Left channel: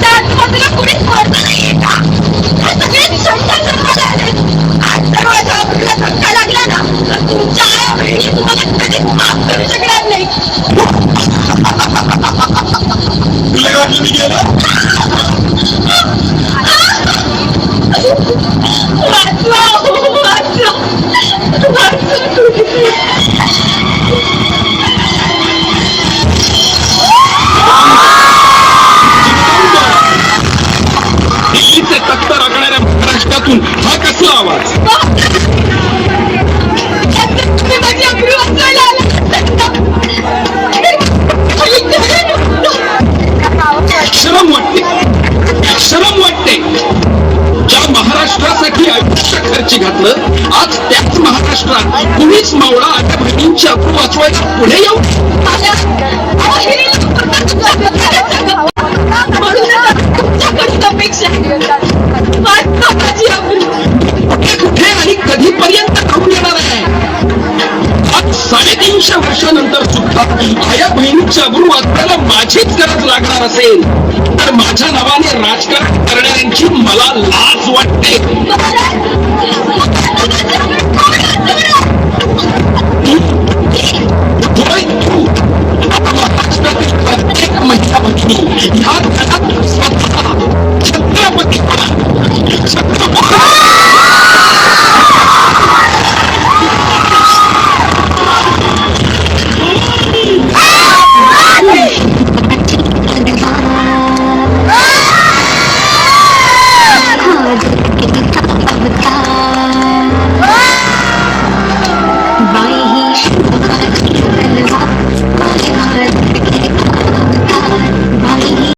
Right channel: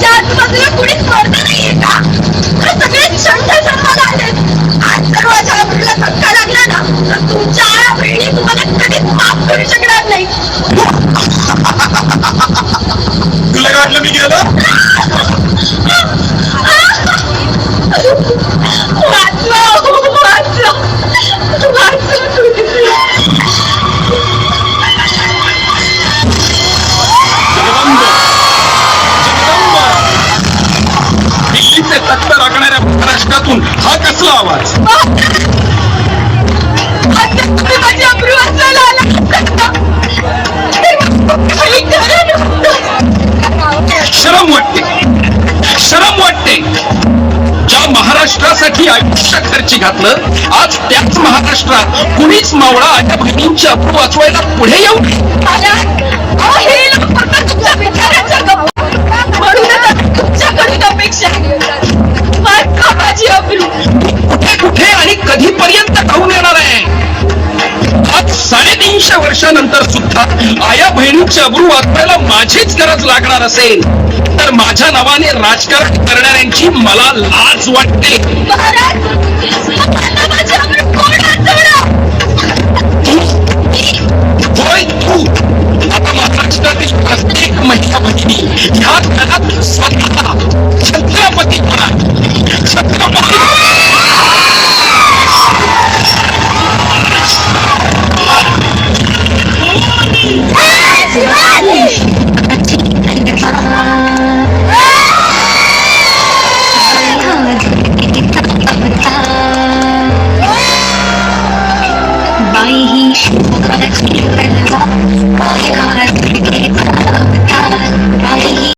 माझ्या आजूबाजूला कुणीच मरत नाहीये का? सगळे शंख जन्माला आले. आज जर माझ्या आबरूला धक्का लागला ना तर तुमच्या आया बहिणी तुम्हाला कधीच माफ करू शकणार नाही. तुला वाटलं मी गेलं? वाचवा वाचवा दिल्लीचे तख्त राखणाऱ्या महाराष्ट्रातून हा कसला आवाज? माझी अब्रू वाचवायला आला. शरम वाटते, शरम वाटते. ज्या महाराष्ट्रासाठी आयुष्य खर्ची घातलं आज त्याच महाराष्ट्रात कुणीच मावळा आया बहिणींची अब्रू वाचवायला पुढे येऊ तुमच्याकडून अपेक्षा वाचवा माझी अब्रू. कुठे कुठे आणि कधीपर्यंत खाऊन येणार आहे? आज 350 वर्षानंतर सुद्धा आया बहिणीची अब्रू वाचवायला माझीच गरज लागणार असेल तर माझ्या नावाने राजकारण करणाऱ्यांची मला लाज वाटते. होय तू. आता महाराष्ट्रातील प्रत्येक महिला भगिनी ह्या घरात स्वतः